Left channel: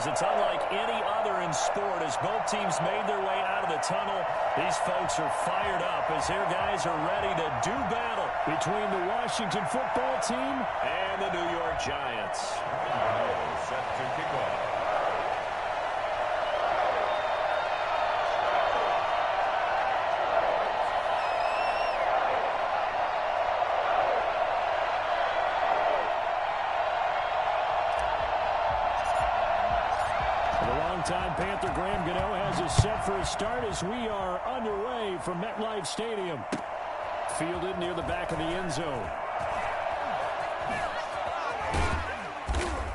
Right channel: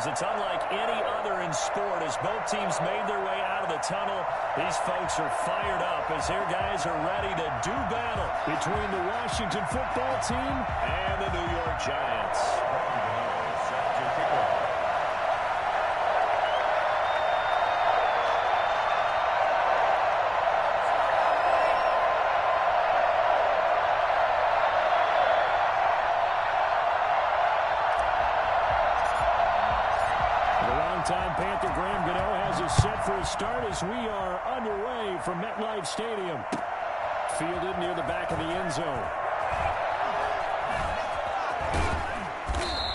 is it's unlike any other in sport. As both teams made their way out of the tunnel, these folks are fired up as their guys are ready to do battle between the Washington football team and the New York Giants. Set to kick off. Time Panther Graham Gano has us set for a start as we are underway from MetLife Stadium. Fielded near the back of the end zone.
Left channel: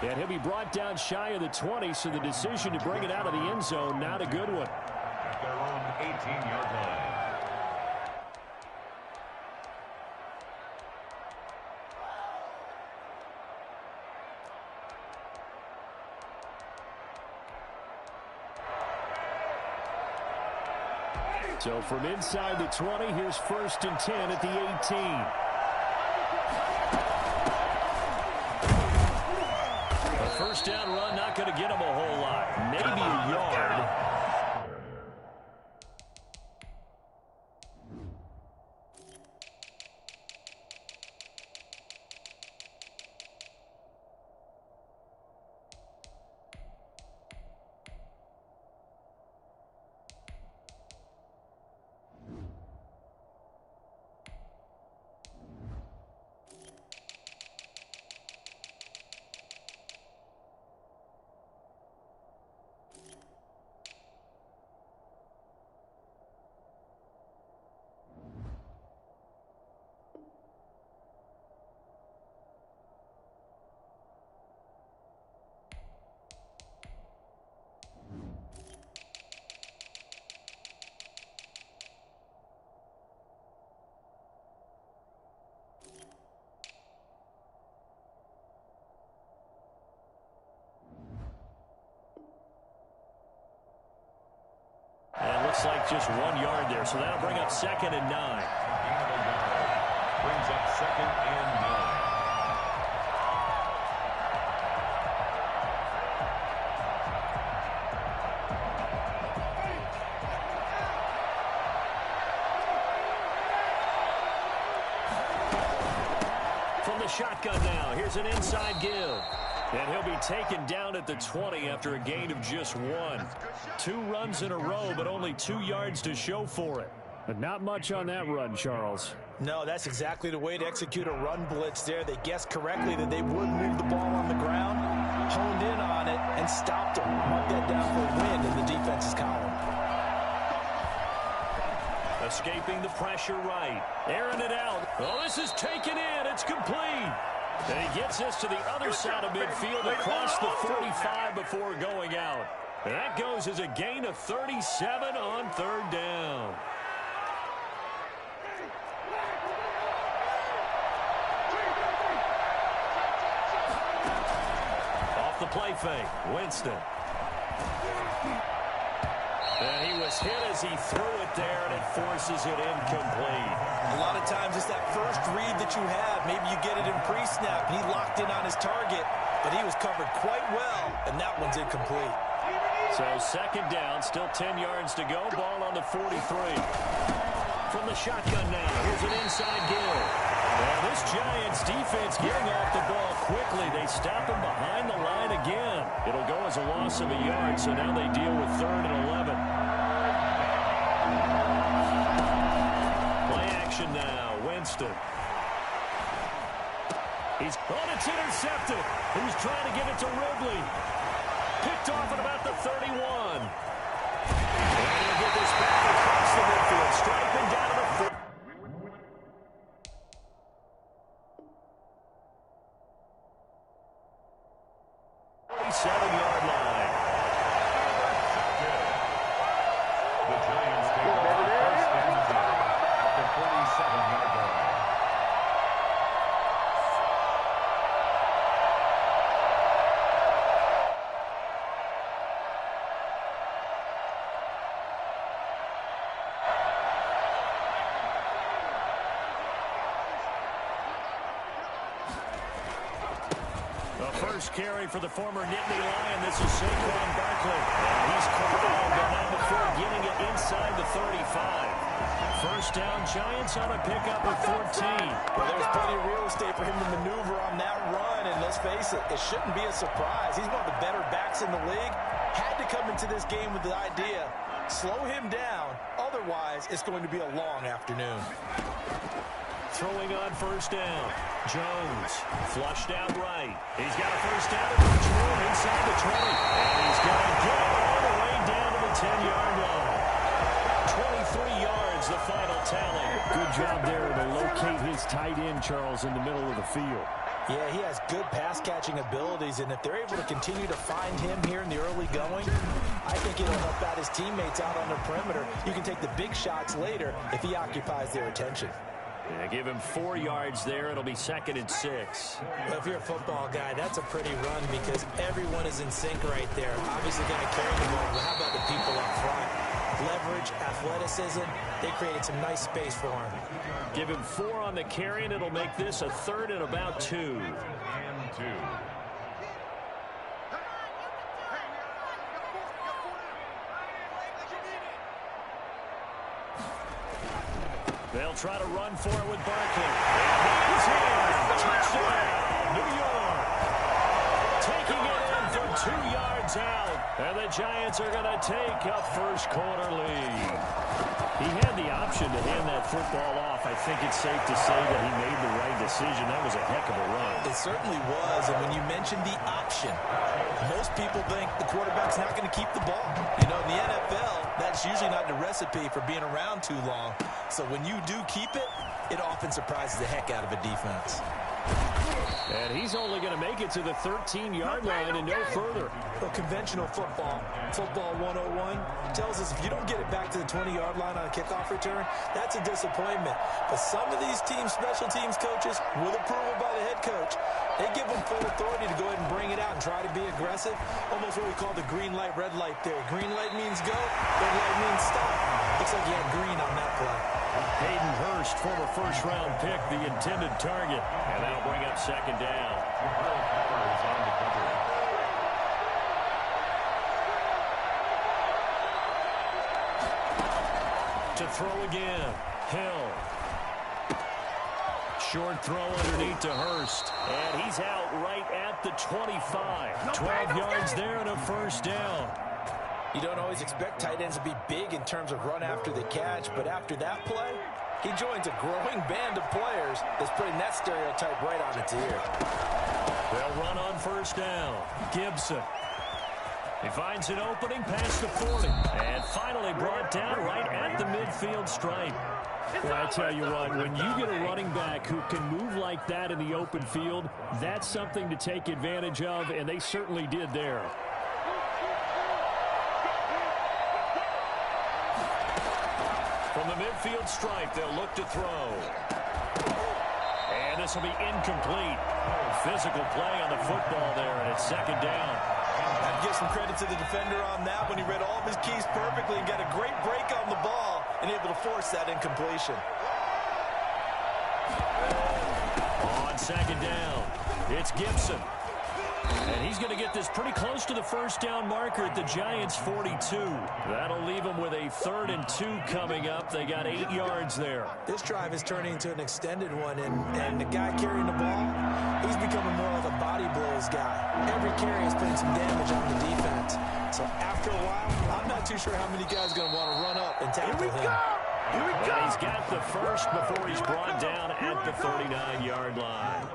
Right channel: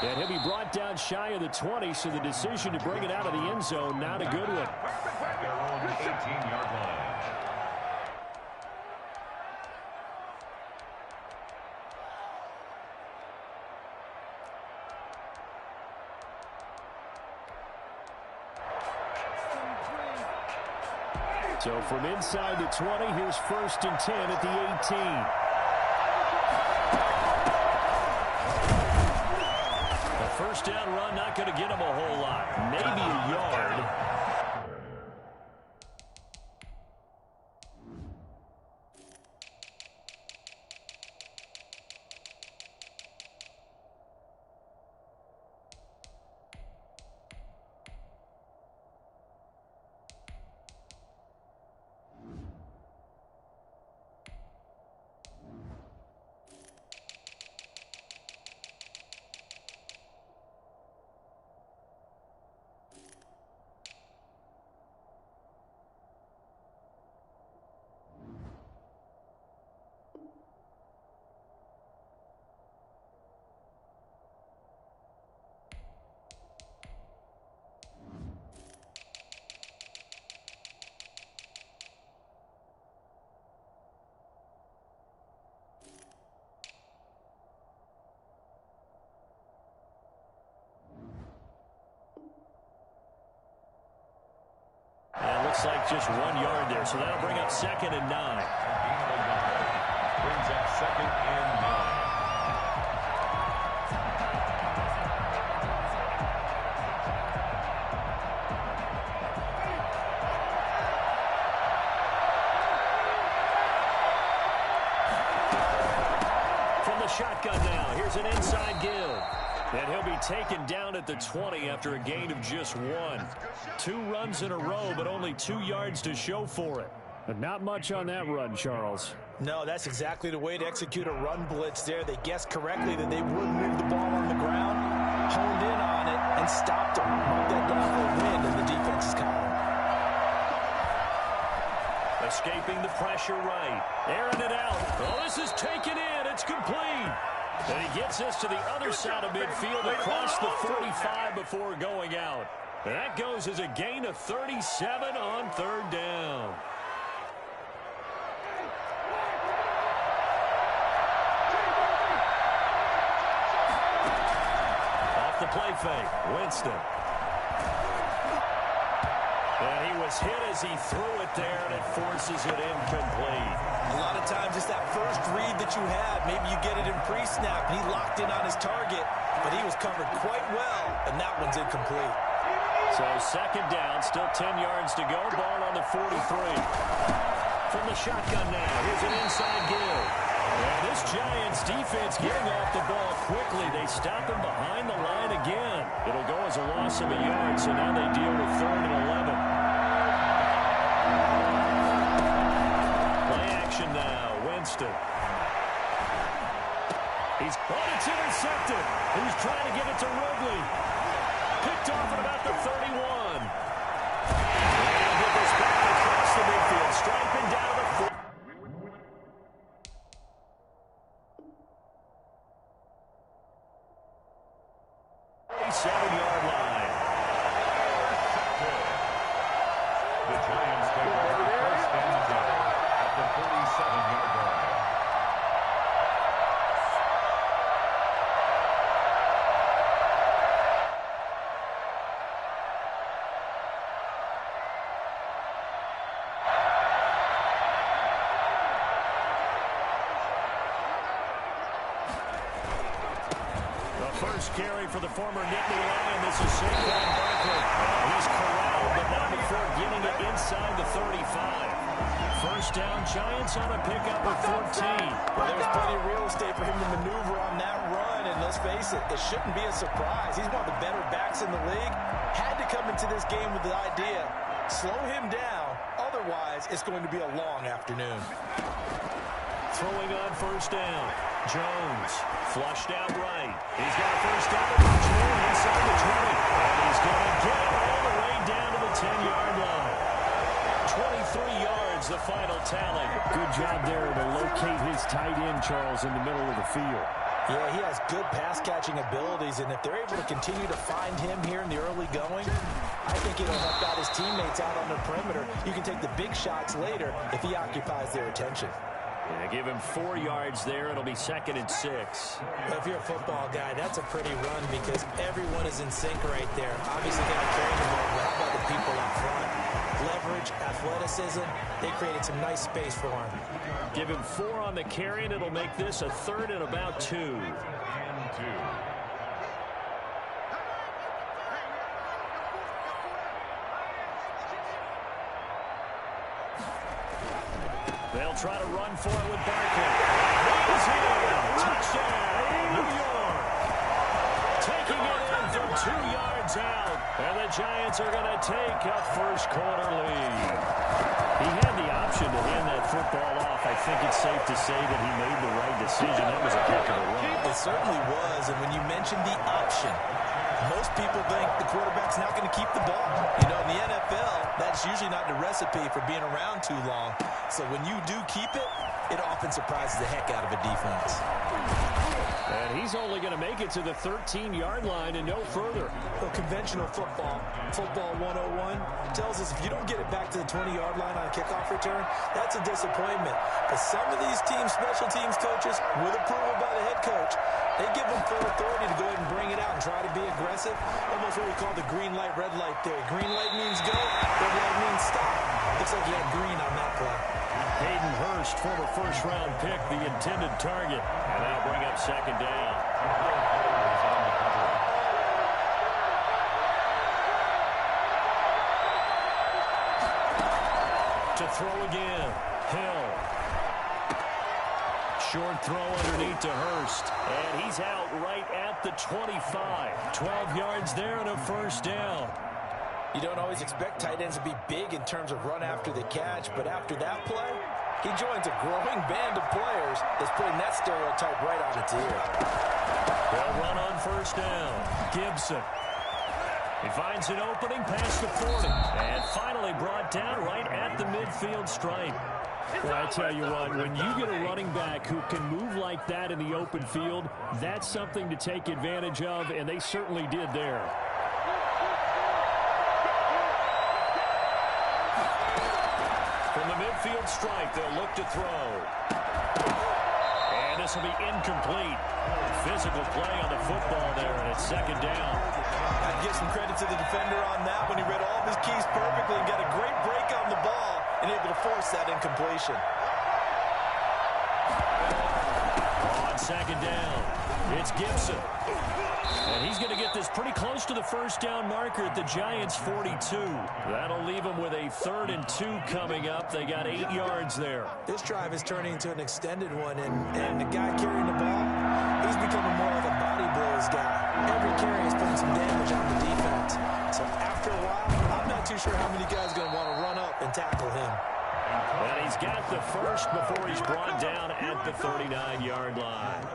And he'll be brought down shy of the 20, so the decision to bring it out of the end zone, not a good one. At their own 18-yard line. So from inside the 20, here's 1st and 10 at the 18. A first down run, not going to get him a whole lot. Maybe a yard. Looks like just 1 yard there, so that'll bring up 2nd and 9. Gain of a yard. Brings up 2nd and 9. From the shotgun now, here's an inside give. And he'll be taken down at the 20 after a gain of just 1. 2 runs in a row, but only 2 yards to show for it. But not much on that run, Charles. No, that's exactly the way to execute a run blitz there. They guessed correctly that they would move the ball on the ground, honed in on it, and stopped them. Mark that down for a win in the defense's column. Escaping the pressure right. Airing it out. Oh, this is taken in. It's complete. And he gets us to the other side of midfield across the 45 before going out. And that goes as a gain of 37 on 3rd down. Off the play fake, Winston. And he was hit as he threw it there, and it forces it incomplete. A lot of times it's that first read that you have. Maybe you get it in pre-snap, and he locked in on his target, but he was covered quite well, and that one's incomplete. So 2nd down, still 10 yards to go. Ball on the 43. From the shotgun now, here's an inside give. And this Giants defense getting off the ball quickly. They stop him behind the line again. It'll go as a loss of a yard, so now they deal with 3rd and 11. Play action now, Winston. It's intercepted. He was trying to get it to Ridley. Picked off at about the 31. And he'll get this back across the midfield, striping down to the 40. 47-yard line. The Giants take over 1st and 10 at the 47-yard line. first carry for the former Nittany Lion. This is Saquon Barkley. He's corralled, but not before getting it inside the 35. First down, Giants on a pickup of 14. Well, there's plenty of real estate for him to maneuver on that run, and let's face it, it shouldn't be a surprise. He's one of the better backs in the league. Had to come into this game with the idea, slow him down, otherwise it's going to be a long afternoon. Throwing on first down. Jones flushed out right. He's got a first down and much more inside the 20. And he's going to get it all the way down to the 10-yard line. 23 yards, the final tally. Good job there to locate his tight end, Charles, in the middle of the field. Yeah, he has good pass-catching abilities, and if they're able to continue to find him here in the early going, I think it'll help out his teammates out on the perimeter. You can take the big shots later if he occupies their attention. Yeah, give him 4 yards there. It'll be 2nd and 6. Well, if you're a football guy, that's a pretty run because everyone is in sync right there. Obviously, got to carry the ball, but how about the people up front? Leverage, athleticism, they created some nice space for him. Give him 4 on the carry, and it'll make this a 3rd and about 2. And 2. They'll try to run for it with Barkley. He's in. Touchdown, New York. Taking it in from 2 yards out. And the Giants are going to take a first-quarter lead. He had the option to hand that football off. I think it's safe to say that he made the right decision. That was a heck of a run. It certainly was, and when you mentioned the option, most people think the quarterback's not going to keep the ball. You know, in the NFL, that's usually not the recipe for being around too long. So when you do keep it, it often surprises the heck out of a defense. And he's only going to make it to the 13-yard line and no further. Well, conventional football 101, tells us if you don't get it back to the 20-yard line on a kickoff return, that's a disappointment. But some of these teams, special teams coaches, with approval by the head coach, they give them full authority to go ahead and bring it out and try to be aggressive. Almost what we call the green light, red light theory. Green light means go, red light means stop. Looks like he had green on that play. Hayden Hurst, former first-round pick, the intended target. And that'll bring up 2nd down. Is on the cover. To throw again. Hill. Short throw underneath to Hurst. And he's out right at the 25. 12 yards there and a first down. You don't always expect tight ends to be big in terms of run after the catch, but after that play, he joins a growing band of players that's putting that stereotype right on its ear. They'll run on first down. Gibson. He finds an opening past the 40. And finally brought down right at the midfield stripe. Well, I tell you what, when you get a running back who can move like that in the open field, that's something to take advantage of, and they certainly did there. From the midfield stripe, they'll look to throw. And this will be incomplete. Physical play on the football there, and it's 2nd down. I'd give some credit to the defender on that when he read all of his keys perfectly and got a great break on the ball and able to force that incompletion. On 2nd down, it's Gibson. And he's going to get this pretty close to the first down marker at the Giants' 42. That'll leave them with a 3rd and 2 coming up. They got 8 yards there. This drive is turning into an extended one, and the guy carrying the ball, he's becoming more like a body blows guy. Every carry is putting some damage on the defense. So after a while, I'm not too sure how many guys are going to want to run up and tackle him. And he's got the first before he's brought down at the 39-yard line.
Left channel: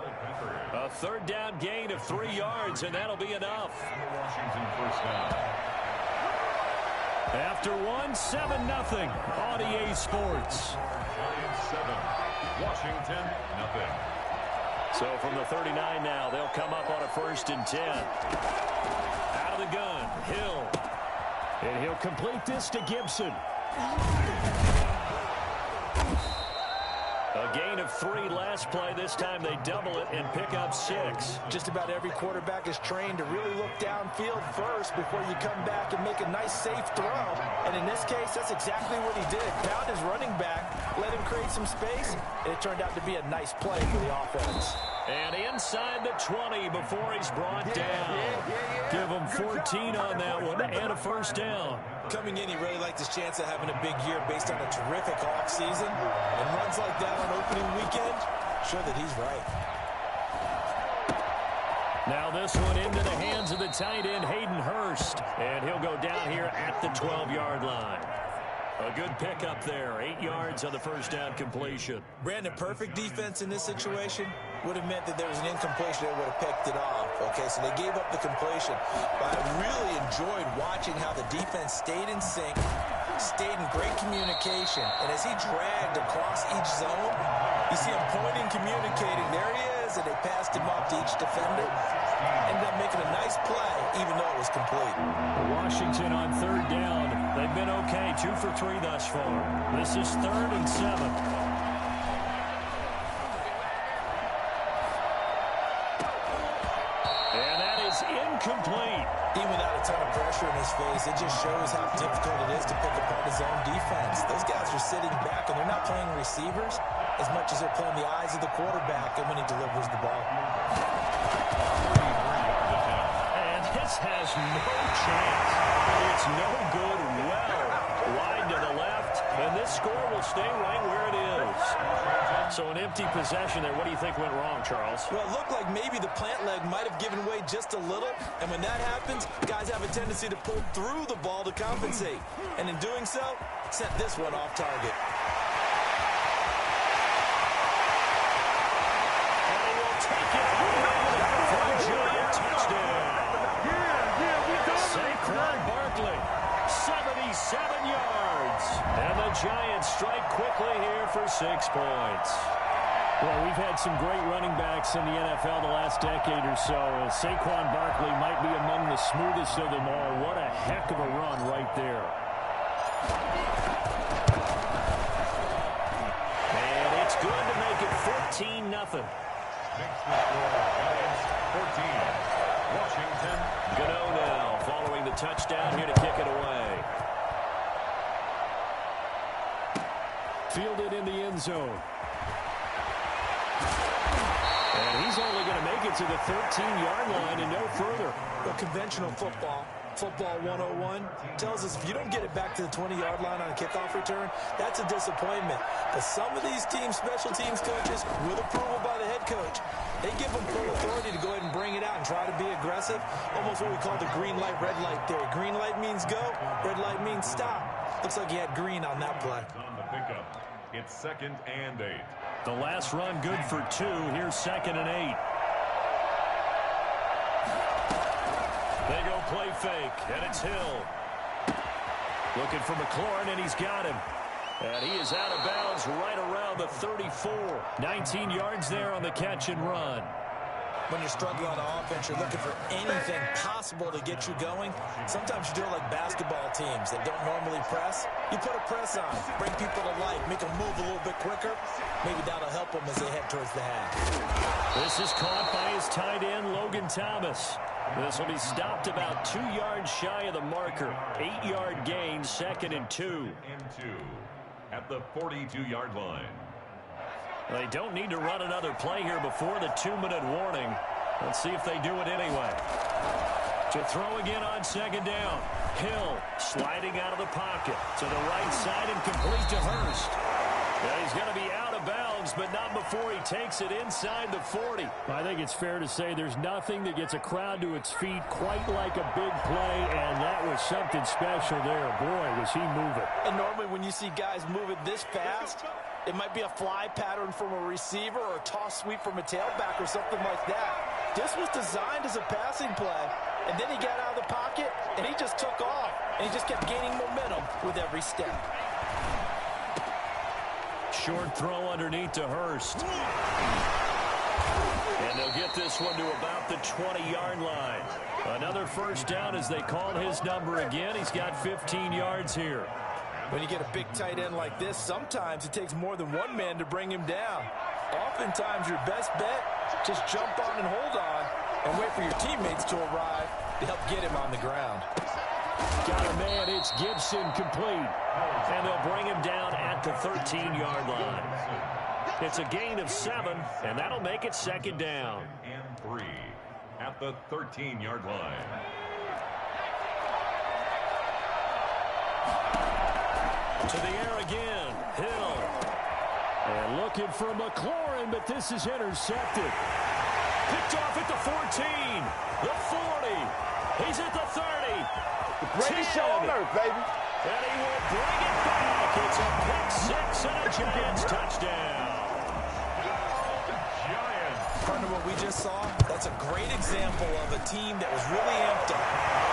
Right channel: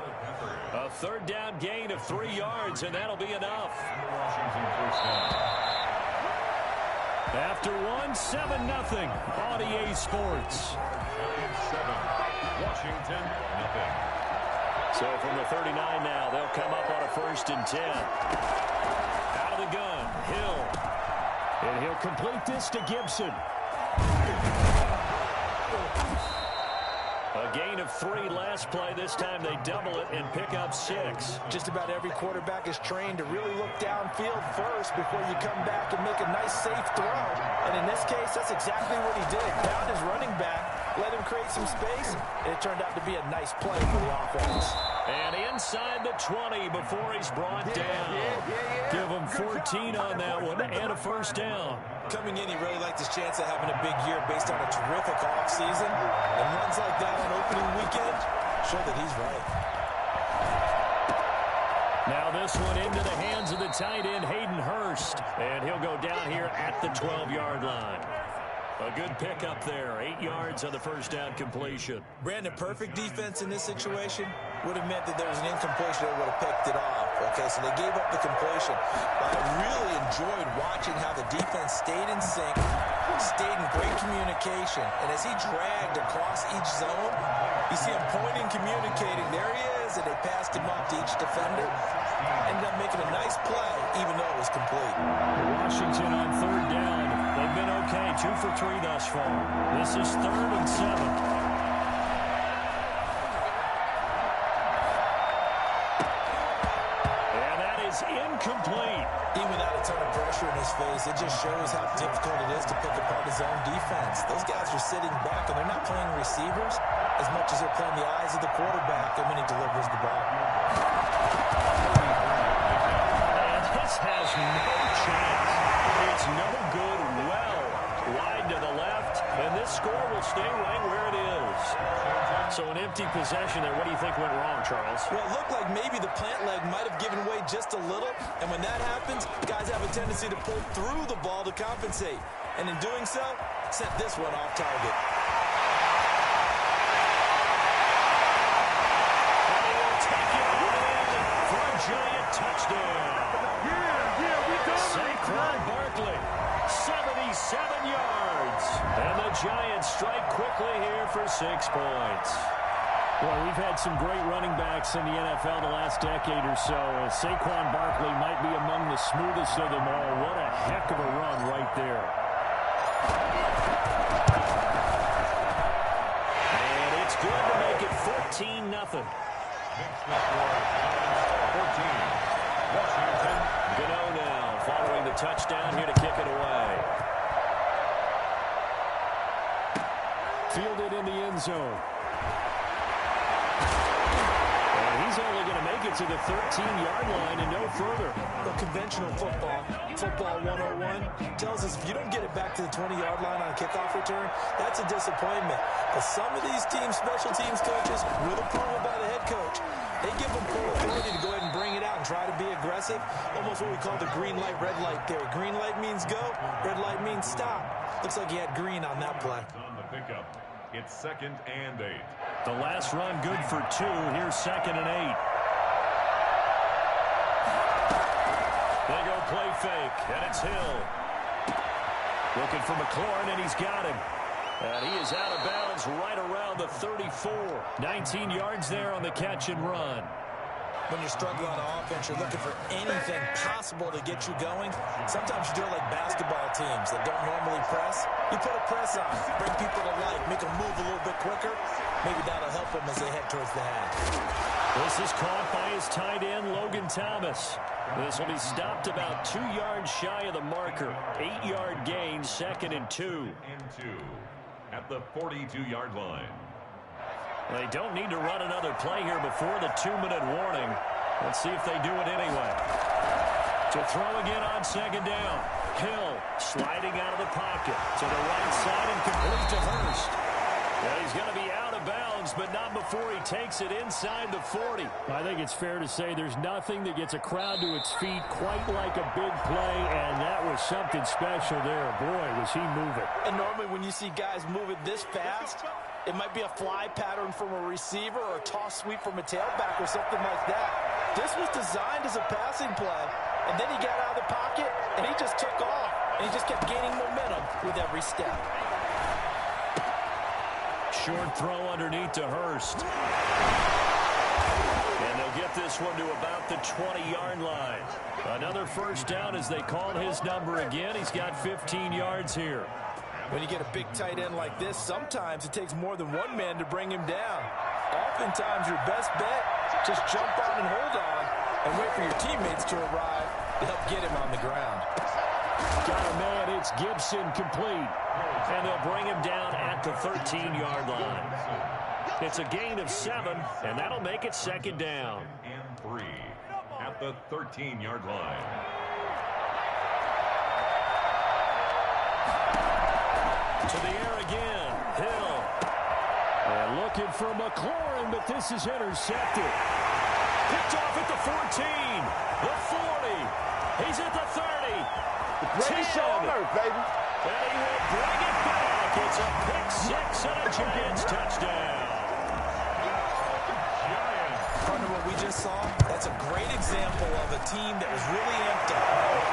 A 3rd down gain of 3 yards, and that'll be enough. Washington first down. After 7-0, on EA Sports. Giants 7, Washington nothing. So from the 39 now, they'll come up on a 1st and 10. Out of the gun, Hill. And he'll complete this to Gibson. A gain of 3 last play. This time they double it and pick up 6. Just about every quarterback is trained to really look downfield first before you come back and make a nice, safe throw. And in this case, that's exactly what he did. Found his running back, let him create some space, and it turned out to be a nice play for the offense. And inside the 20 before he's brought down. Give him 14 on that one and a first down. Coming in, he really liked his chance of having a big year based on a terrific offseason. And runs like that on opening weekend show that he's right. Now this one into the hands of the tight end, Hayden Hurst. And he'll go down here at the 12-yard line. A good pickup there. 8 yards on the first down completion. Brandon, perfect defense in this situation would have meant that there was an incompletion that would have picked it off. Okay, so they gave up the completion. But I really enjoyed watching how the defense stayed in sync, stayed in great communication. And as he dragged across each zone, you see him pointing, communicating. There he is, and they passed him off to each defender. Ended up making a nice play, even though it was complete. Washington on third down. They've been okay, 2 for 3 thus far. This is 3rd and 7. Incomplete. Even without a ton of pressure in his face, it just shows how difficult it is to pick apart his own defense. Those guys are sitting back, and they're not playing receivers as much as they're playing the eyes of the quarterback and when he delivers the ball. And this has no chance. It's no good. Well wide to the left, and this score will stay right where it is. So an empty possession there. What do you think went wrong, Charles? Well, it looked like maybe the plant leg might have given way just a little, and when that happens, guys have a tendency to pull through the ball to compensate. And in doing so, sent this one off target. And he will take it all in for a giant touchdown. Saquon Barkley, 77 yards. And the Giants strike quickly here for 6 points. Well, we've had some great running backs in the NFL the last decade or so. Saquon Barkley might be among the smoothest of them all. What a heck of a run right there. And it's good to make it 14-0. Makes the score Giants 14. Washington. Gano now following the touchdown here to kick it away. Fielded in the end zone. And he's only going to make it to the 13-yard line and no further. Well, conventional football 101, tells us if you don't get it back to the 20-yard line on a kickoff return, that's a disappointment. But some of these teams, special teams coaches, with approval by the head coach, they give them full authority to go ahead and bring it out and try to be aggressive. Almost what we call the green light, red light theory. Green light means go, red light means stop. Looks like he had green on that play. On the pickup, it's 2nd and 8. The last run good for 2. Here's 2nd and 8. They go play fake, and it's Hill. Looking for McLaurin, and he's got him. And he is out of bounds right around the 34. 19 yards there on the catch and run. When you're struggling on offense, you're looking for anything possible to get you going. Sometimes you do it like basketball teams that don't normally press. You put a press on, bring people to life, make them move a little bit quicker. Maybe that'll help them as they head towards the half. This is caught by his tight end, Logan Thomas. This will be stopped about 2 yards shy of the marker. 8-yard gain, 2nd and 2. And 2 at the 42-yard line. They don't need to run another play here before the 2-minute warning. Let's see if they do it anyway. To throw again on 2nd down. Hill sliding out of the pocket to the right side and complete to Hurst. Yeah, he's going to be out of bounds, but not before he takes it inside the 40. I think it's fair to say there's nothing that gets a crowd to its feet quite like a big play, and that was something special there. Boy, was he moving. And normally when you see guys moving this fast, it might be a fly pattern from a receiver or a toss sweep from a tailback or something like that. This was designed as a passing play, and then he got out of the pocket, and he just took off, and he just kept gaining momentum with every step. Short throw underneath to Hurst. And they'll get this one to about the 20-yard line. Another first down as they call his number again. He's got 15 yards here. When you get a big tight end like this, sometimes it takes more than one man to bring him down. Oftentimes, your best bet, just jump on and hold on and wait for your teammates to arrive to help get him on the ground. Got a man, it's Gibson complete. And they'll bring him down at the 13-yard line. It's a gain of 7, and that'll make it 2nd down. And 3 at the 13-yard line. To the air again. Hill. And looking for McLaurin, but this is intercepted. Picked off at the 14. The 40. He's at the 30. Brady shoulder, baby. And he will bring it back. It's a pick 6 and a Giants touchdown. Giants. Partner, what we just saw, that's a great example of a team that was really amped up.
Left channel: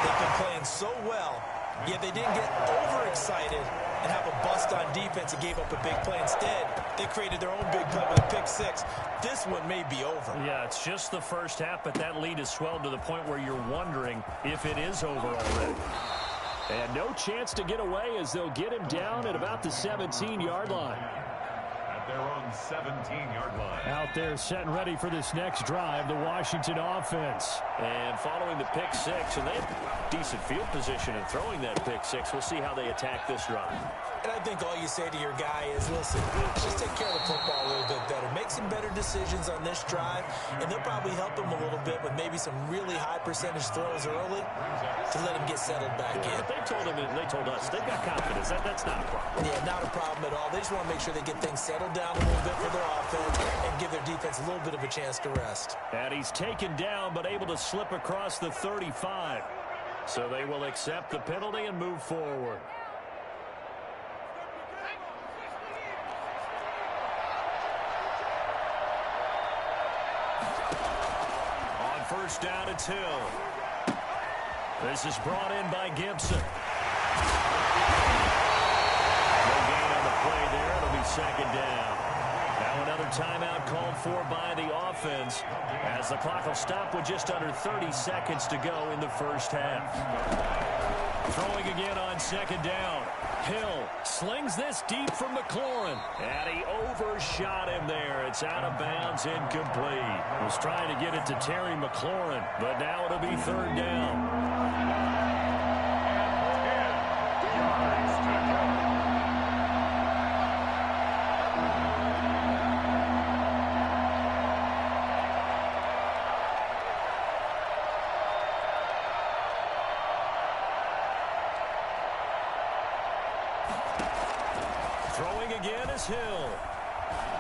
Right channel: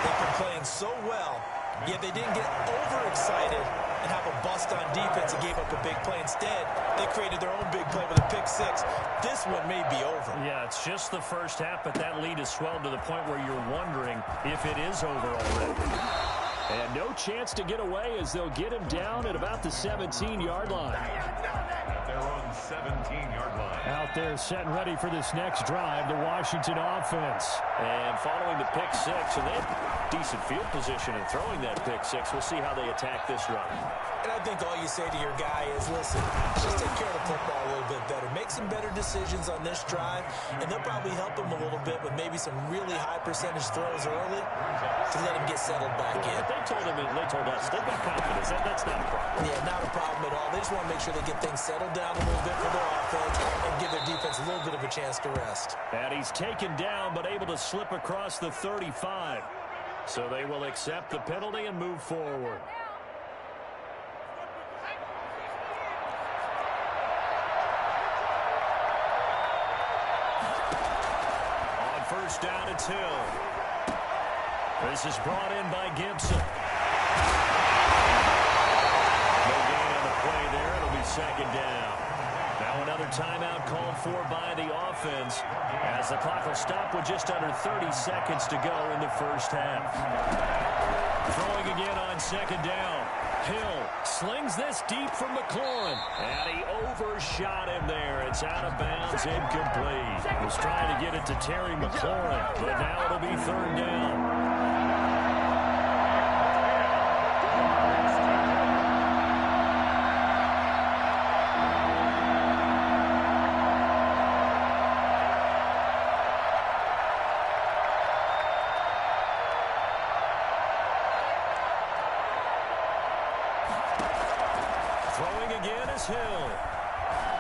They've been playing so well, yet they didn't get overexcited and have a bust on defense and gave up a big play. Instead, they created their own big play with a pick 6. This one may be over. Yeah, it's just the first half, but that lead has swelled to the point where you're wondering if it is over already. And no chance to get away as they'll get him down at about the 17-yard line. At their own 17-yard line. Out there set and ready for this next drive, the Washington offense. And following the pick 6, and they have decent field position in throwing that pick 6. We'll see how they attack this drive. And I think all you say to your guy is, listen, just take care of the football a little bit better. Make some better decisions on this drive, and they'll probably help him a little bit with maybe some really high percentage throws early to let him get settled back in. But they told him, and they told us, they've got confidence. That's not a problem. Yeah, not a problem at all. They just want to make sure they get things settled down a little bit for their offense and give their defense a little bit of a chance to rest. And he's taken down, but able to slip across the 35. So they will accept the penalty and move forward. On first down, it's Hill. This is brought in by Gibson. No gain on the play there. It'll be 2nd down. Now another timeout called for by the offense as the clock will stop with just under 30 seconds to go in the first half. Throwing again on 2nd down. Hill slings this deep from McLaurin. And he overshot him there. It's out of bounds, incomplete. Was trying to get it to Terry McLaurin, but now it'll be 3rd down. Throwing again is Hill.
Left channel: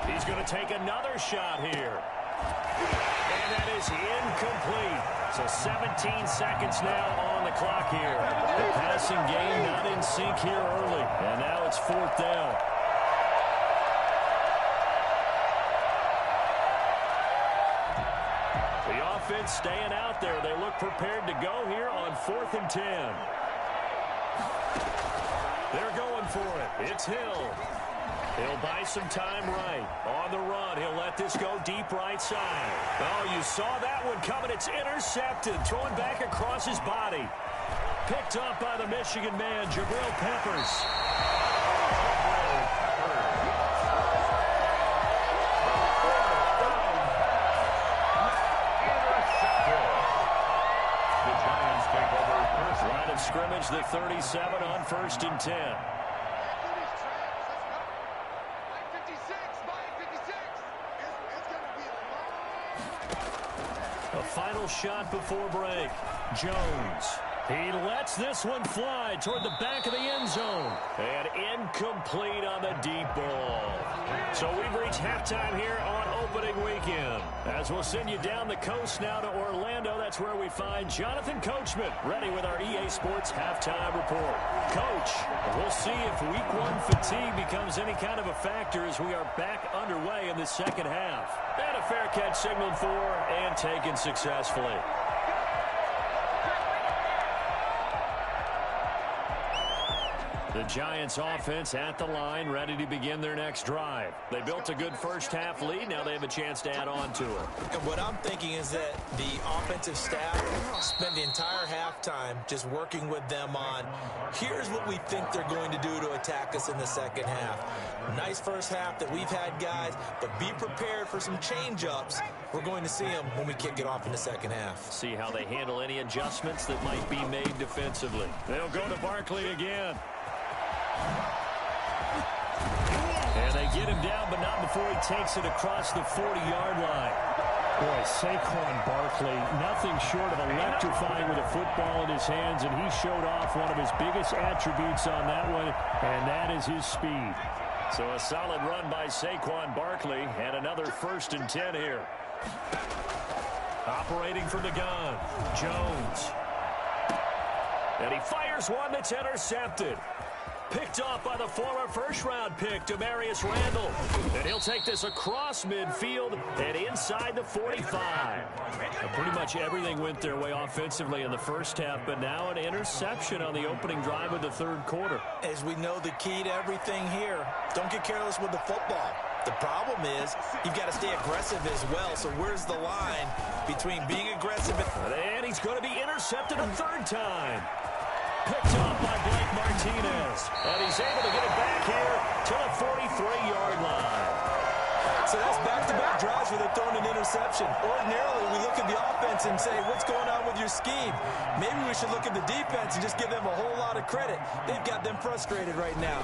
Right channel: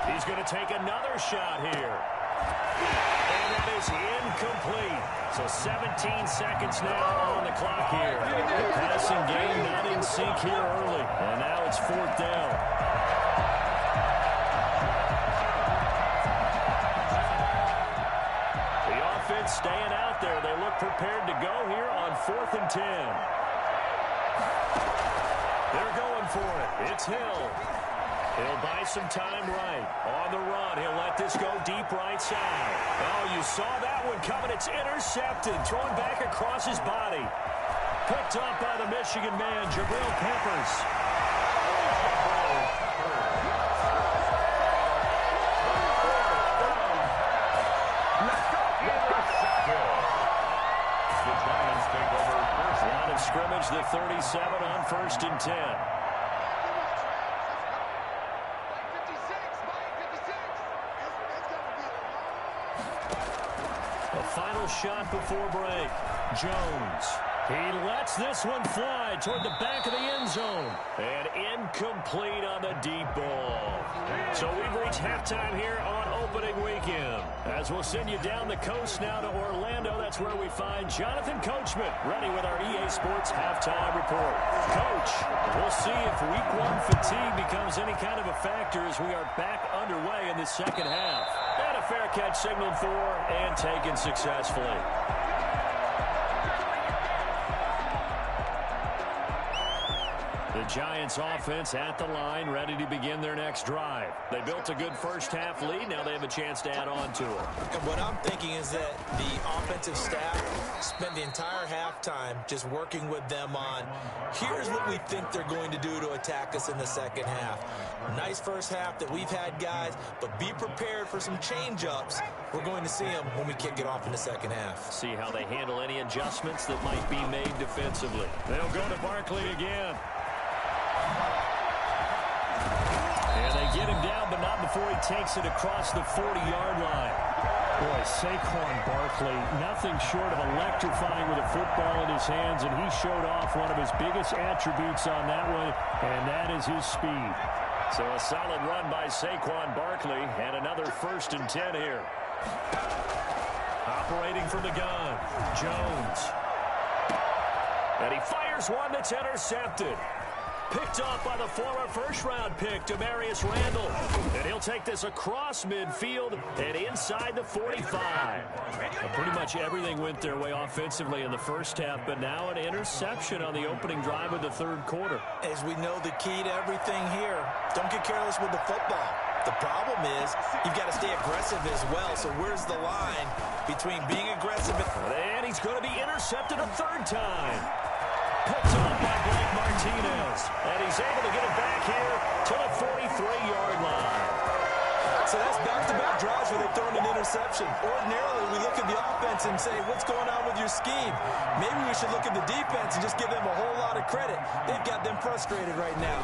He's going to take another shot here. And that is incomplete. So 17 seconds now on the clock here. The passing game not in sync here early. And now it's 4th down. The offense staying out there. They look prepared to go here on 4th and 10. They're going for it. It's Hill. He'll buy some time right. On the run, he'll let this go deep right side. Oh, you saw that one coming. It's intercepted. Thrown back across his body. Picked up by the Michigan man, Jabril Peppers. The Giants take over first. Line of scrimmage, the 37 on 1st and 10. A final shot before break. Jones. He lets this one fly toward the back of the end zone. And incomplete on the deep ball. So we've reached halftime here on opening weekend. As we'll send you down the coast now to Orlando, that's where we find Jonathan Coachman ready with our EA Sports halftime report. Coach, we'll see if week 1 fatigue becomes any kind of a factor as we are back underway in the second half. And a fair catch signaled for and taken successfully. The Giants offense at the line, ready to begin their next drive. They built a good first half lead. Now they have a chance to add on to it. And what I'm thinking is that the offensive staff spent the entire halftime just working with them on, here's what we think they're going to do to attack us in the second half. Nice first half that we've had, guys, but be prepared for some change-ups. We're going to see them when we kick it off in the second half. See how they handle any adjustments that might be made defensively. They'll go to Barkley again. And they get him down, but not before he takes it across the 40-yard line. Boy, Saquon Barkley, nothing short of electrifying with a football in his hands, and he showed off one of his biggest attributes on that one, and that is his speed. So a solid run by Saquon Barkley, and another 1st and 10 here. Operating from the gun, Jones. And he fires one that's intercepted. Picked off by the former first-round pick, Demarius Randall. And he'll take this across midfield and inside the 45. Pretty much everything went their way offensively in the first half, but now an interception on the opening drive of the 3rd quarter. As we know, the key to everything here, don't get careless with the football. The problem is you've got to stay aggressive as well. So where's the line between being aggressive and he's going to be intercepted a 3rd time. Picked off by Blake Martinez. And he's able to get it back here to the 43-yard line. So that's back-to-back drives where they've thrown an interception. Ordinarily, we look at the offense and say, what's going on with your scheme? Maybe we should look at the defense and just give them a whole lot of credit. They've got them frustrated right now.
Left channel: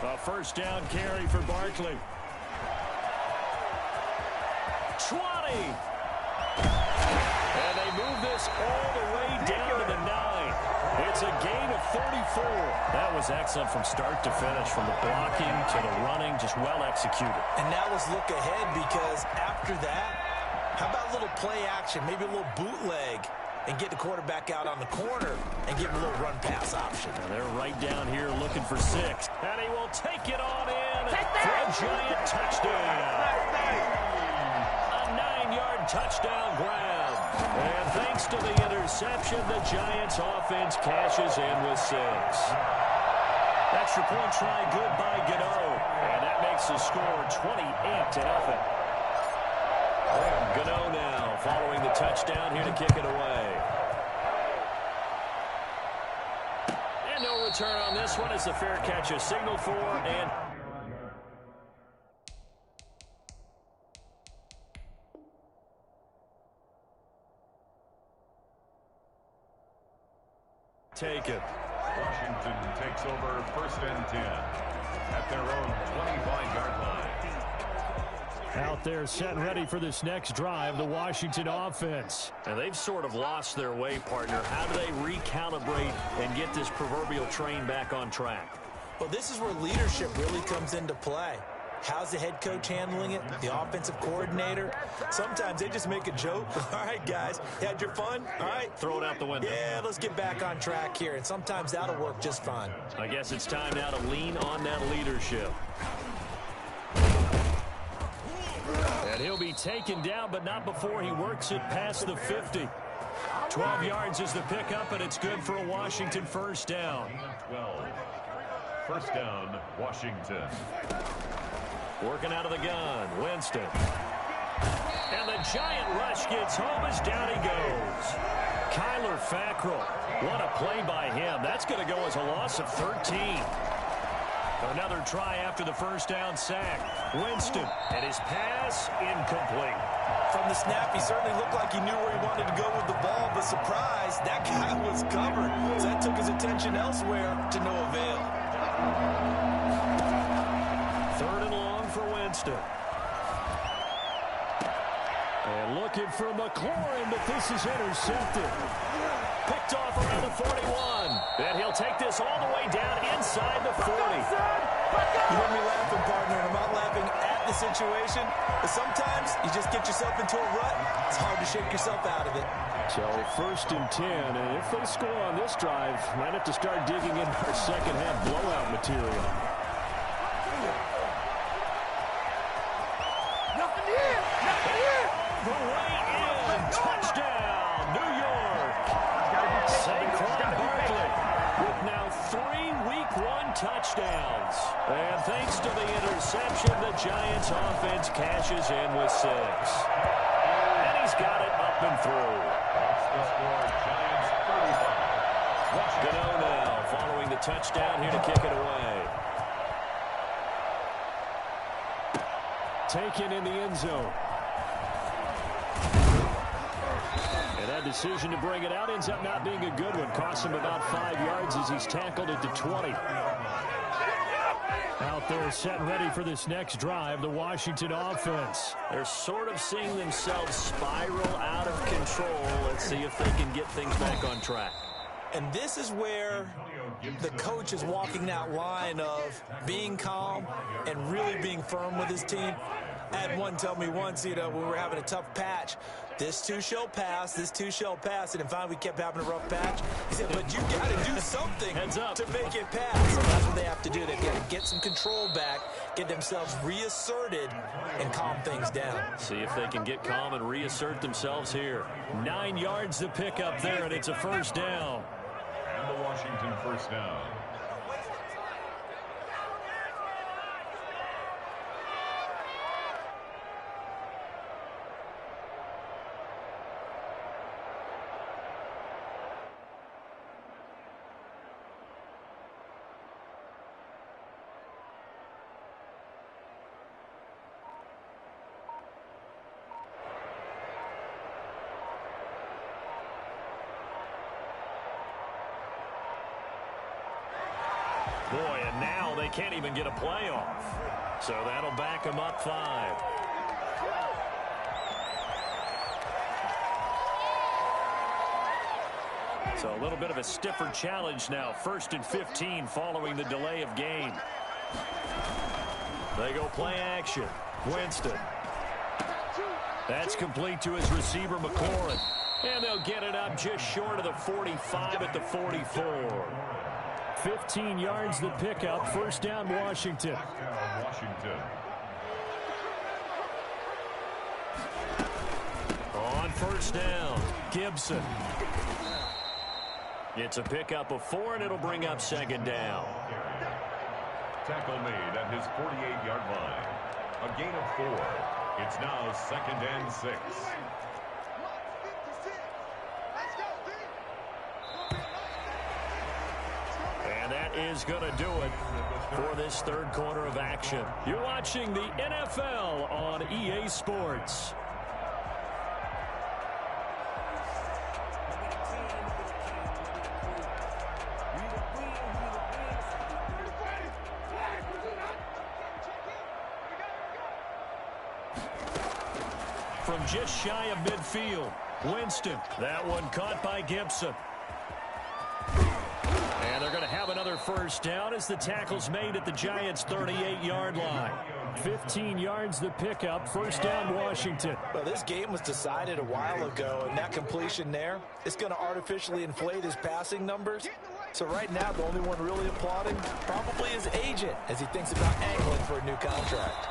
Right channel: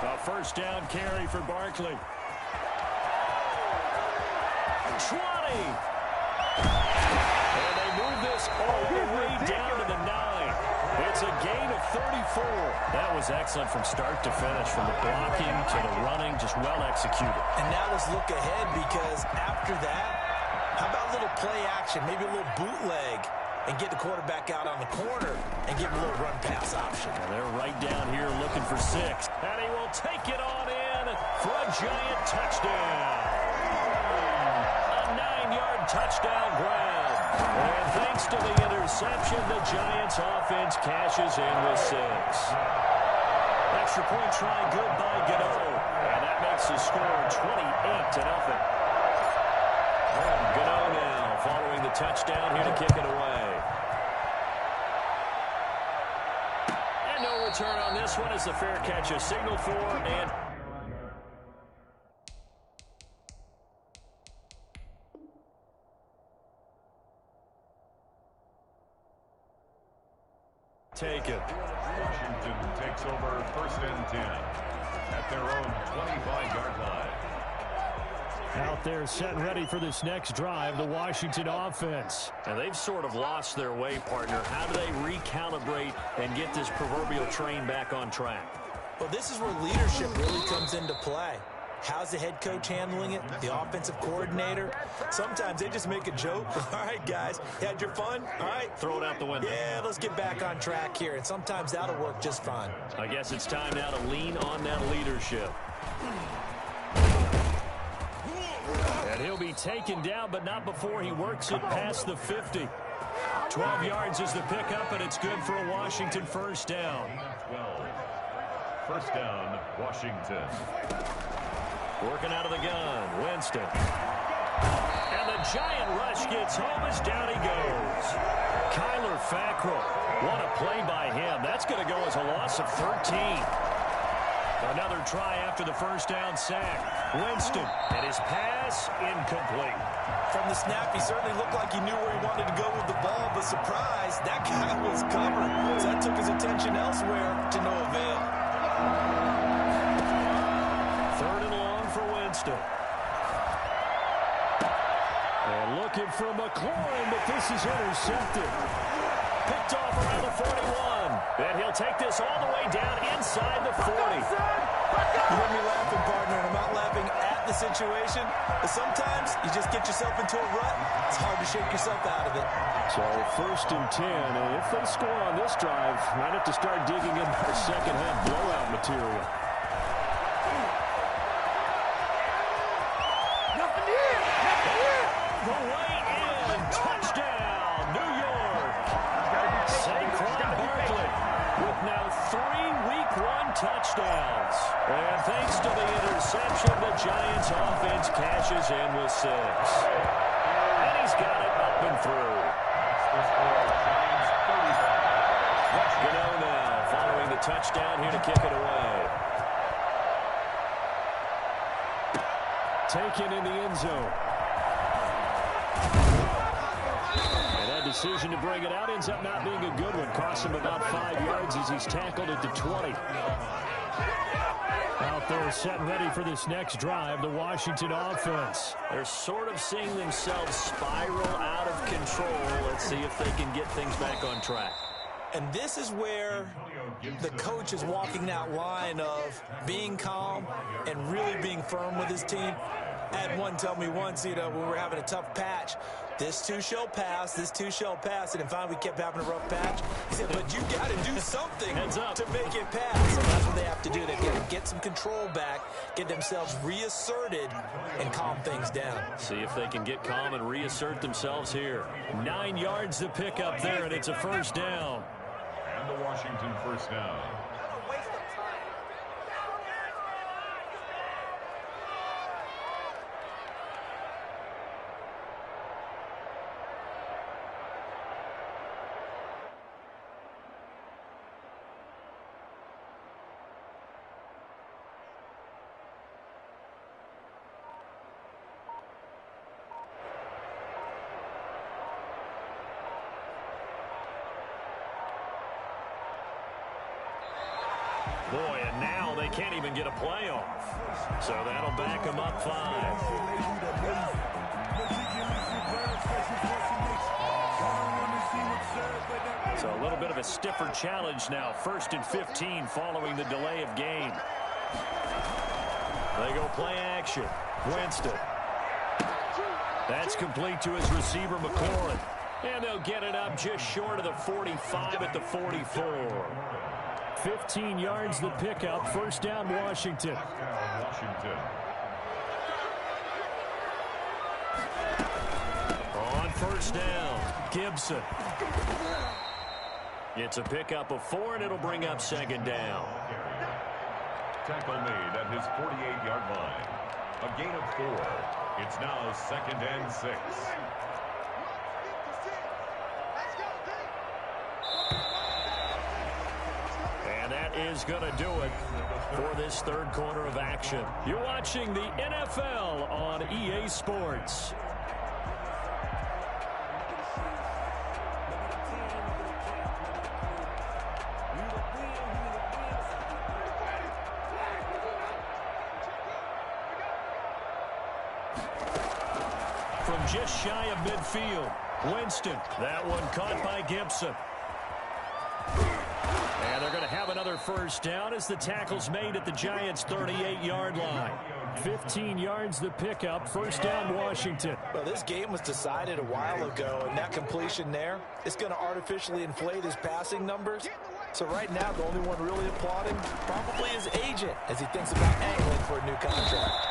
A 1st down carry for Barkley. 20. And they move this all the way down to the 9. It's a gain of 34. That was excellent from start to finish, from the blocking to the running, just well executed. And now let's look ahead, because after that, how about a little play action, maybe a little bootleg, and get the quarterback out on the corner and give him a little run-pass option. And they're right down here looking for 6. And he will take it on in for a giant touchdown. A 9-yard touchdown grab. And thanks to the interception, the Giants offense cashes in with 6. Extra point try good by Gano. And that makes the score 28-0. Gano now following the touchdown here to kick it away. And no return on this one as the fair catch is signaled for, and taken. Washington takes over 1st and 10 at their own 25-yard line. Out there set and ready for this next drive, the Washington offense. And they've sort of lost their way, partner. How do they recalibrate and get this proverbial train back on track? Well, this is where leadership really comes into play. How's the head coach handling it? The offensive coordinator? Sometimes they just make a joke. All right, guys, you had your fun? All right. Throw it out the window. Yeah, let's get back on track here. And sometimes that'll work just fine. I guess it's time now to lean on that leadership. And he'll be taken down, but not before he works it past the 50. 12 yards is the pickup, and it's good for a Washington 1st down. 12. 1st down, Washington. Working out of the gun, Winston. And the giant rush gets home as down he goes. Kyler Fackrell. What a play by him. That's going to go as a loss of 13. Another try after the 1st down sack. Winston, and his pass incomplete. From the snap, he certainly looked like he knew where he wanted to go with the ball, but surprise, that guy was covered. So that took his attention elsewhere to no avail. 3rd and long for Winston. And looking for McLaurin, but this is intercepted. Picked off around the 41. And he'll take this all the way down inside the 40. You hear me laughing, partner, and I'm not laughing at the situation. But sometimes you just get yourself into a rut. It's hard to shake yourself out of it. So 1st and 10, and if they score on this drive, might have to start digging in our second half blowout material. Nothing here. All the way in. Touchdown, New York. Saquon Barkley with now 3 Week 1 touchdowns. And thanks to the interception, the Giants offense cashes in with 6. And he's got it up and through. That's the score, Giants 35. Gano now following the touchdown here to kick it away. Taken in the end zone. And that decision to bring it out ends up not being a good one. Costs him about 5 yards as he's tackled at the 20. Out there set and ready for this next drive, the Washington offense. They're sort of seeing themselves spiral out of control. Let's see if they can get things back on track. And this is where the coach is walking that line of being calm and really being firm with his team. I had one tell me once, when we were having a tough patch, this too shall pass, this too shall pass. And finally we kept having a rough patch. He said, but you got to do something to make it pass. So that's what they have to do. They've got to get some control back, get themselves reasserted, and calm things down. See if they can get calm and reassert themselves here. 9 yards to pick up there, and it's a first down. And the Washington first down. Boy, and now they can't even get a play off. So that'll back them up 5. So a little bit of a stiffer challenge now. 1st and 15 following the delay of game. They go play action. Winston. That's complete to his receiver, McLaurin. And they'll get it up just short of the 45 at the 44. 15 yards the pickup. First down, Washington. On first down, Gibson. It's a pickup of 4, and it'll bring up 2nd down. Tackle made at his 48-yard line. A gain of 4. It's now 2nd and 6. And that is going to do it for this third quarter of action. You're watching the NFL on EA Sports. From just shy of midfield, Winston. That one caught by Gibson. And they're going to have another first down as the tackle's made at the Giants' 38-yard line. 15 yards the pickup. First down, Washington. Well, this game was decided a while ago, and that completion there is going to artificially inflate his passing numbers. So right now, the only one really applauding probably his agent as he thinks about angling for a new contract.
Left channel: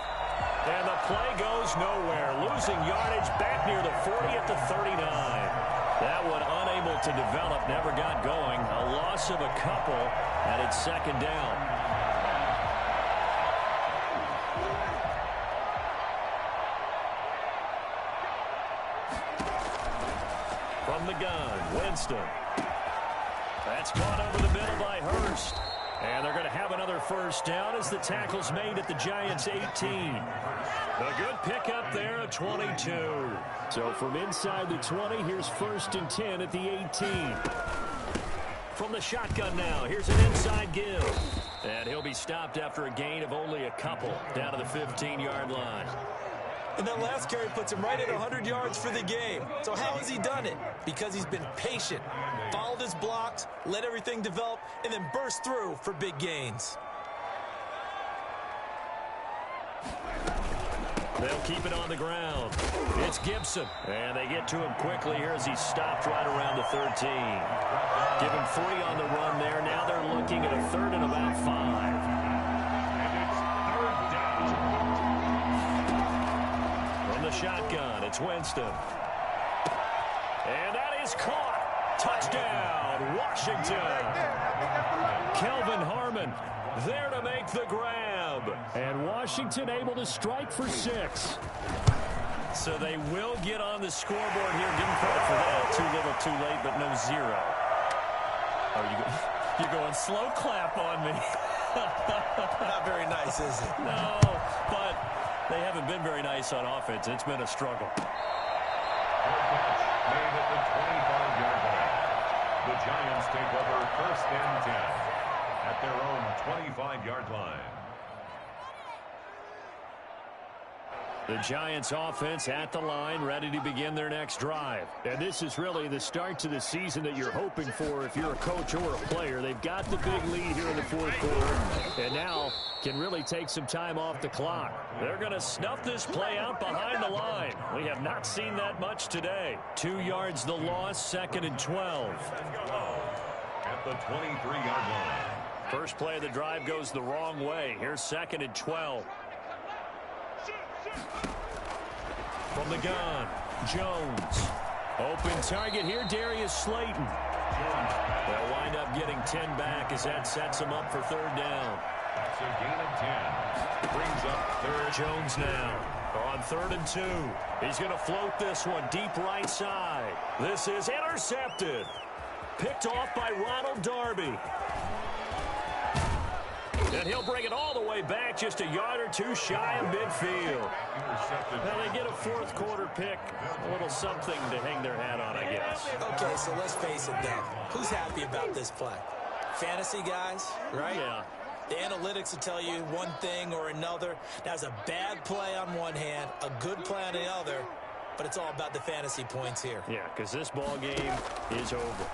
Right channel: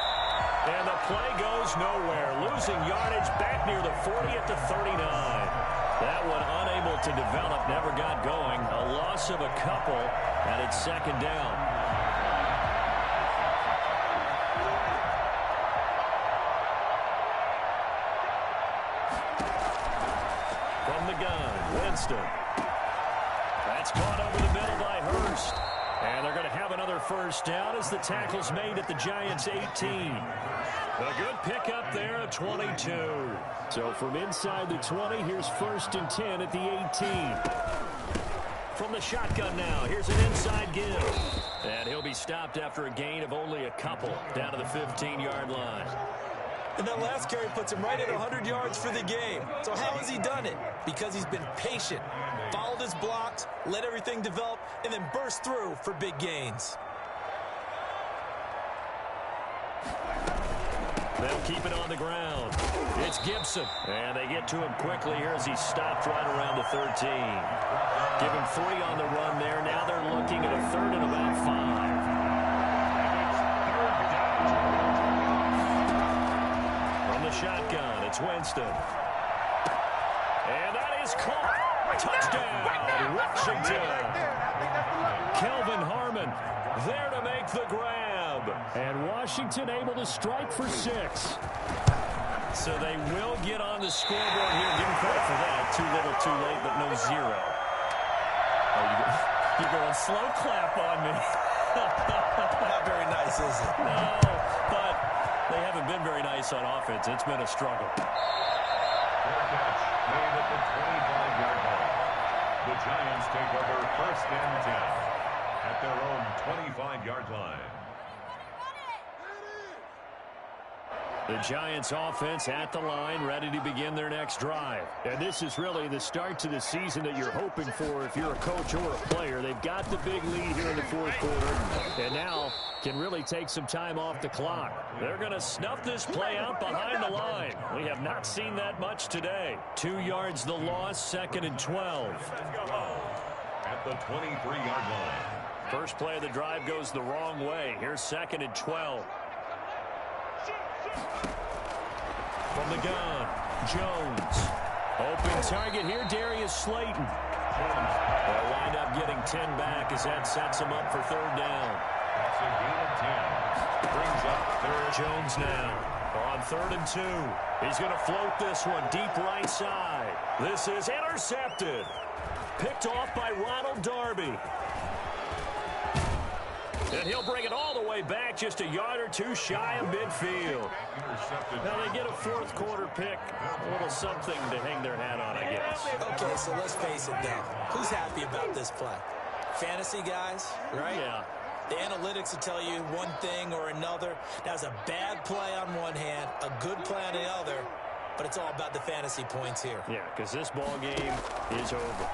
And the play goes nowhere. Losing yardage back near the 40 at the 39. That one unable to develop, never got going. A loss of a couple, and it's 2nd down. From the gun, Winston. That's caught over the middle by Hurst. And they're going to have another first down as the tackle's made at the Giants' 18. A good pickup there at 22. So from inside the 20, here's 1st and 10 at the 18. From the shotgun now, here's an inside give. And he'll be stopped after a gain of only a couple down to the 15-yard line. And that last carry puts him right at 100 yards for the game. So how has he done it? Because he's been patient, followed his blocks, let everything develop, and then burst through for big gains. They'll keep it on the ground. It's Gibson. And they get to him quickly here as he's stopped right around the 13. Give him 3 on the run there. Now they're looking at a 3rd and about 5. And it's 3rd down. From the shotgun, it's Winston. And that is caught. Touchdown, Washington. Kelvin Harmon there to make the grab. And Washington able to strike for 6. So they will get on the scoreboard here. Give them credit for that. Too little, too late, but no 0. Oh, you're going slow clap on me. Not very nice, is it? No, but they haven't been very nice on offense. It's been a struggle. Fair catch made at the 25-yard line. The Giants take over 1st and 10 at their own 25-yard line. The Giants offense at the line, ready to begin their next drive. And this is really the start to the season that you're hoping for if you're a coach or a player. They've got the big lead here in the fourth quarter, and now can really take some time off the clock. They're going to snuff this play out behind the line. We have not seen that much today. 2 yards the loss, 2nd and 12. At the 23-yard line. First play of the drive goes the wrong way. Here's 2nd and 12. From the gun, Jones. Open target here, Darius Slayton. They'll wind up getting 10 back as that sets them up for 3rd down. That's a gain of 10. Brings up 3rd. Jones now on 3rd and 2. He's going to float this one deep right side. This is intercepted. Picked off by Ronald Darby. And he'll bring it all the way back, just a yard or two shy of midfield. Now they get a fourth quarter pick, a little something to hang their hat on, I guess. Okay, so let's face it then. Who's happy about this play? Fantasy guys, right? Yeah. The analytics will tell you one thing or another. That's a bad play on one hand, a good play on the other, but it's all about the fantasy points here. Yeah, because this ball game is over.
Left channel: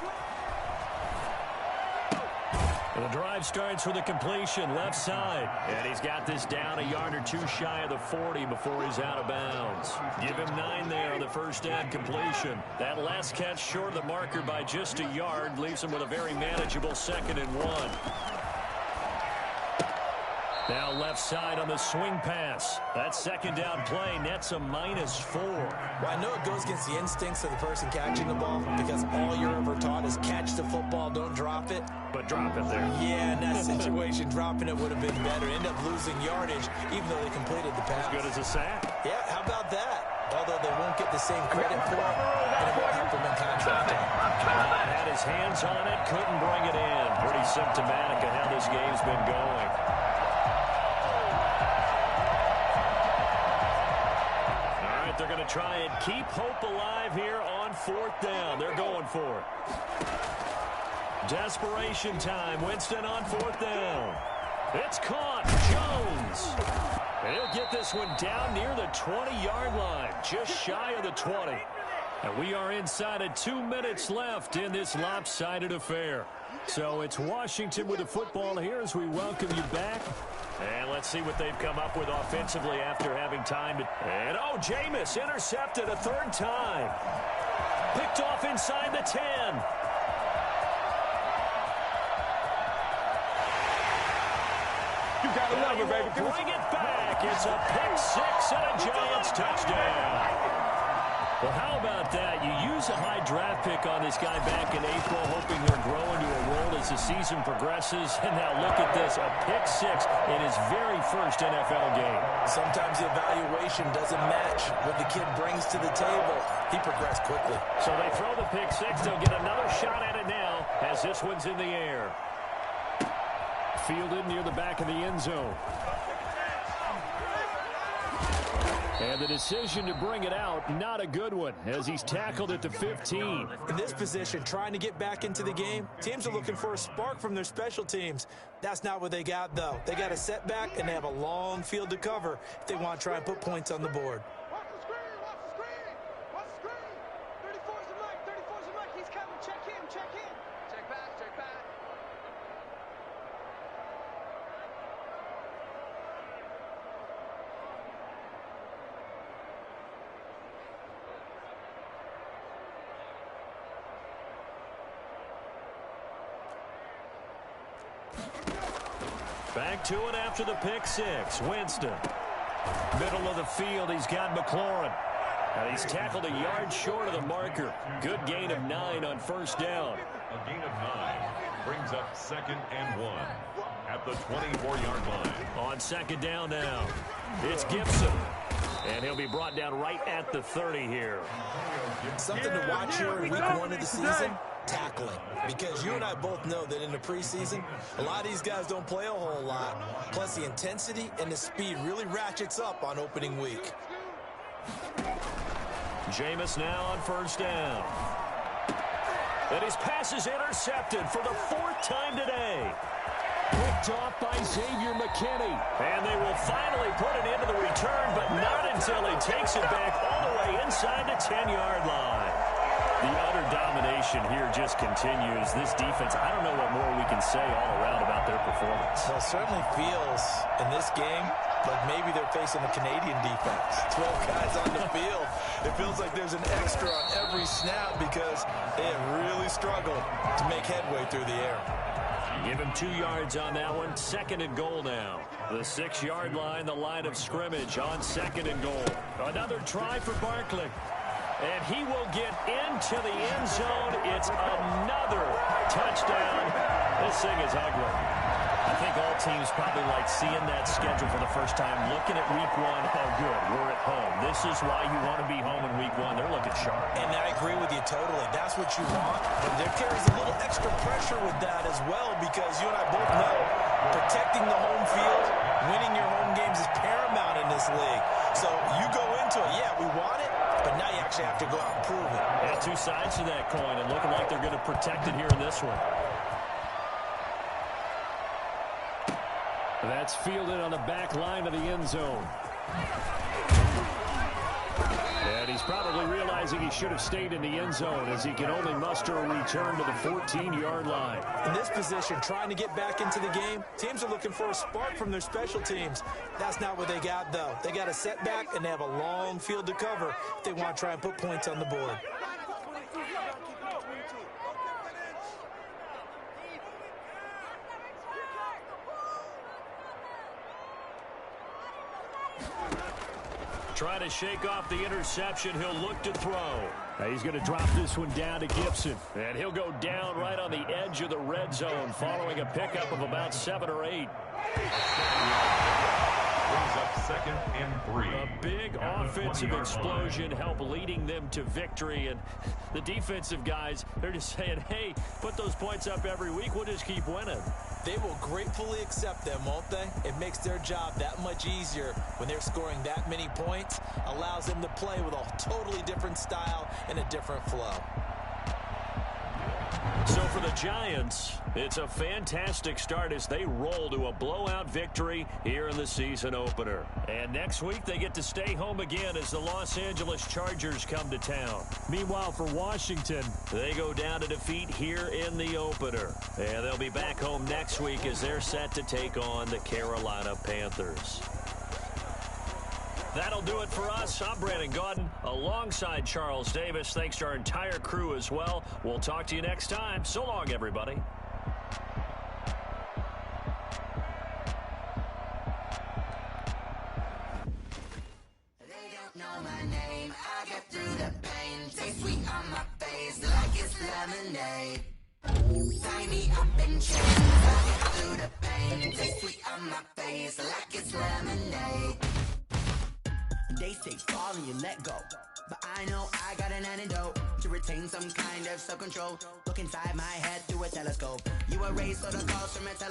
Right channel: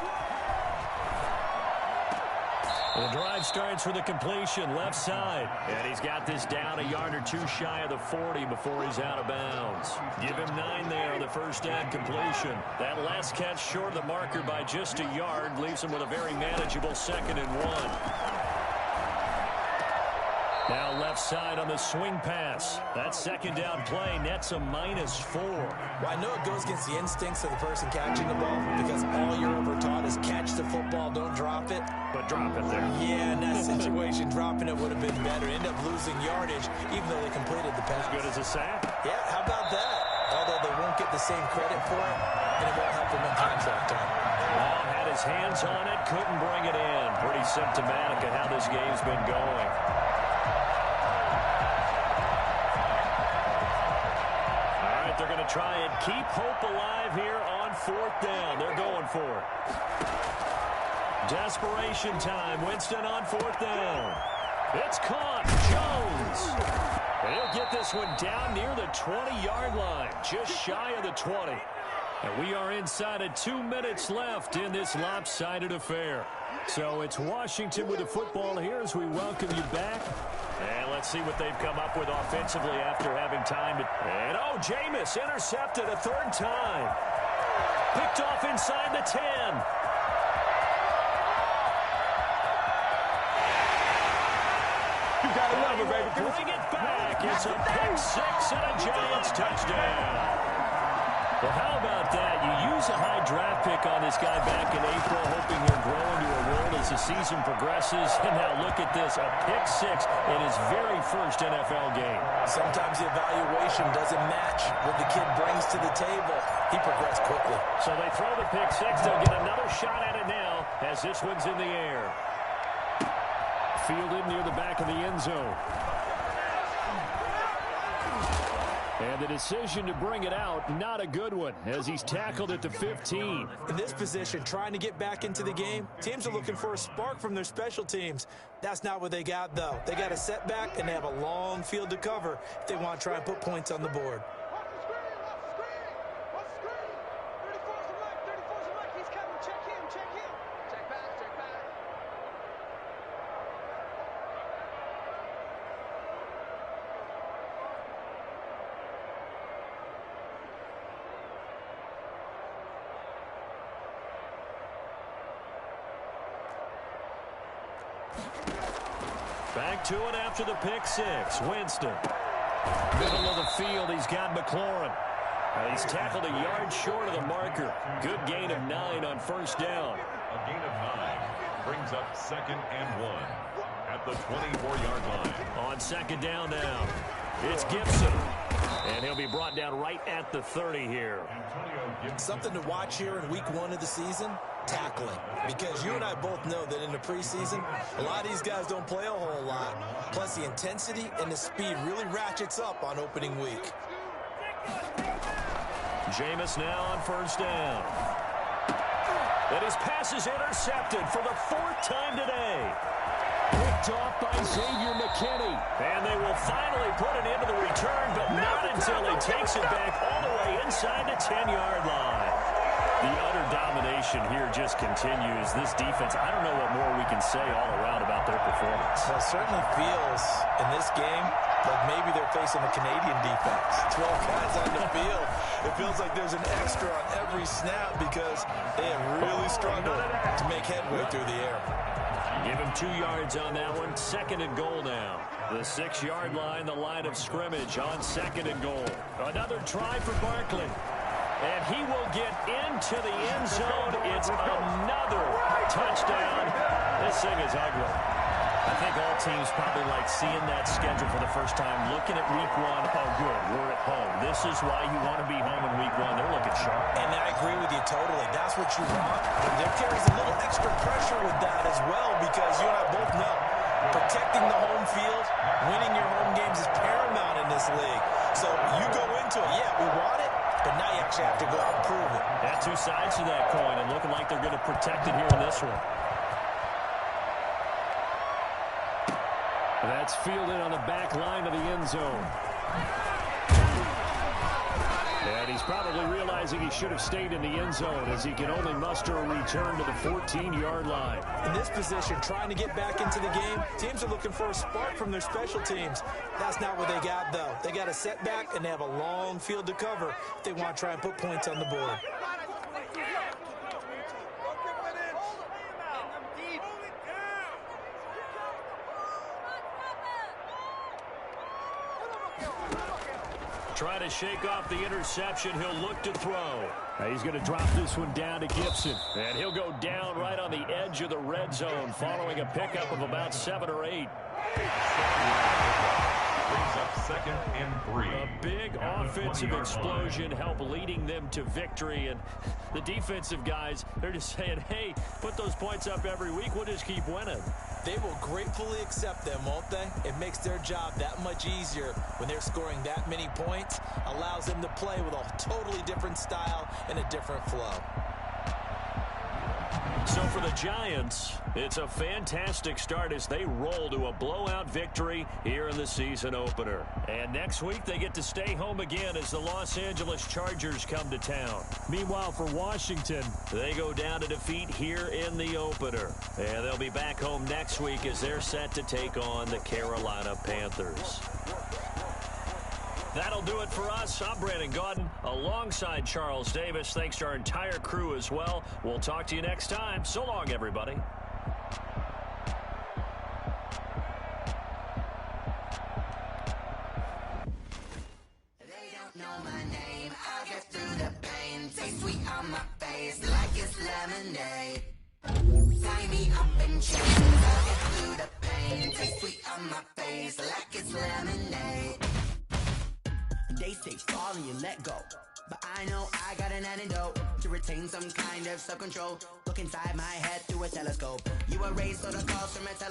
The drive starts with a completion left side. And he's got this down a yard or two shy of the 40 before he's out of bounds. Give him 9 there on the first down completion. That last catch short of the marker by just a yard leaves him with a very manageable 2nd and 1. Now left side on the swing pass. That 2nd down play nets a -4. Well, I know it goes against the instincts of the person catching the ball because all you're ever taught is catch the football, don't drop it. But drop it there. Yeah, in that situation, dropping it would have been better. End up losing yardage, even though they completed the pass. As good as a sack. Yeah, how about that? Although they won't get the same credit for it, and it won't help them in contract time. Had his hands on it, couldn't bring it in. Pretty symptomatic of how this game's been going. They're going to try and keep hope alive here on 4th down. They're going for it. Desperation time. Winston on 4th down. It's caught. Jones. And he'll get this one down near the 20-yard line, just shy of the 20. And we are inside of 2 minutes left in this lopsided affair. So it's Washington with the football here as we welcome you back. And let's see what they've come up with offensively after having time to... And, oh, Jameis intercepted a 3rd time. Picked off inside the 10. You gotta love it, baby. Bring it back. It's a pick 6 and a Giants touchdown. Well, how about that? You use a high draft pick on this guy back in April, hoping he'll grow into a role as the season progresses. And now look at this, a pick 6 in his very first NFL game. Sometimes the evaluation doesn't match what the kid brings to the table. He progressed quickly. So they throw the pick 6. They'll get another shot at it now as this one's in the air. Fielded near the back of the end zone. And the decision to bring it out, not a good one, as he's tackled at the 15. In this position, trying to get back into the game, teams are looking for a spark from their special teams. That's not what they got, though. They got a setback, and they have a long field to cover if they want to try and put points on the board. Watch the screen, watch the screen, watch the screen. 34's the Mike, 34's the Mike. He's coming. Check him, check him. Check back, check back. Back to it after the pick 6. Winston. Middle of the field, he's got McLaurin. He's tackled a yard short of the marker. Good gain of 9 on first down. A gain of 9 brings up 2nd and 1 at the 24-yard line. On 2nd down now, it's Gibson. And he'll be brought down right at the 30 here. Something to watch here in week 1 of the season, tackling. Because you and I both know that in the preseason, a lot of these guys don't play a whole lot. Plus, the intensity and the speed really ratchets up on opening week. Jameis now on first down. And his pass is intercepted for the 4th time today. Quick picked off by Xavier McKinney. And they will finally put it into the return, but not until he takes it back all the way inside the 10-yard line. The utter domination here just continues. This defense, I don't know what more we can say all around about their performance. Well, it certainly feels in this game like maybe they're facing the Canadian defense. 12 guys on the field. It feels like there's an extra on every snap because they have really struggled to make headway through the air. Give him 2 yards on that one. 2nd and goal now. The 6-yard line, the line of scrimmage on 2nd and goal. Another try for Barkley. And he will get into the end zone. It's another touchdown. This thing is ugly. I think all teams probably like seeing that schedule for the first time, looking at week 1. Oh, good, we're at home. This is why you want to be home in week 1. They're looking sharp. And I agree with you totally. That's what you want. But there carries a little extra pressure with that as well because you and I both know protecting the home field, winning your home games is paramount in this league. So you go into it, yeah, we want it, but now you actually have to go out and prove it. Yeah, 2 sides to that coin, and looking like they're going to protect it here in this one. That's fielded on the back line of the end zone. And he's probably realizing he should have stayed in the end zone as he can only muster a return to the 14-yard line. In this position, trying to get back into the game, teams are looking for a spark from their special teams. That's not what they got, though. They got a setback, and they have a long field to cover if they want to try and put points on the board. Trying to shake off the interception. He'll look to throw. He's going to drop this one down to Gibson. And he'll go down right on the edge of the red zone following a pickup of about 7 or 8. Brings up 2nd and 3. A big offensive explosion help leading them to victory. And the defensive guys, they're just saying, hey, put those points up every week. We'll just keep winning. They will gratefully accept them, won't they? It makes their job that much easier when they're scoring that many points. Allows them to play with a totally different style and a different flow. So for the Giants, it's a fantastic start as they roll to a blowout victory here in the season opener. And next week, they get to stay home again as the Los Angeles Chargers come to town. Meanwhile, for Washington, they go down to defeat here in the opener. And they'll be back home next week as they're set to take on the Carolina Panthers. That'll do it for us. I'm Brandon Gaudin alongside Charles Davis. Thanks to our entire crew as well. We'll talk to you next time. So long, everybody. They don't know my name. I get through the pain. Taste sweet on my face like it's lemonade. Tie me up in chains. I get through the pain. Taste sweet on my face like it's lemonade. They say fall and you let go, but I know I got an antidote to retain some kind of self-control. Look inside my head through a telescope. You erase all the calls from a telescope.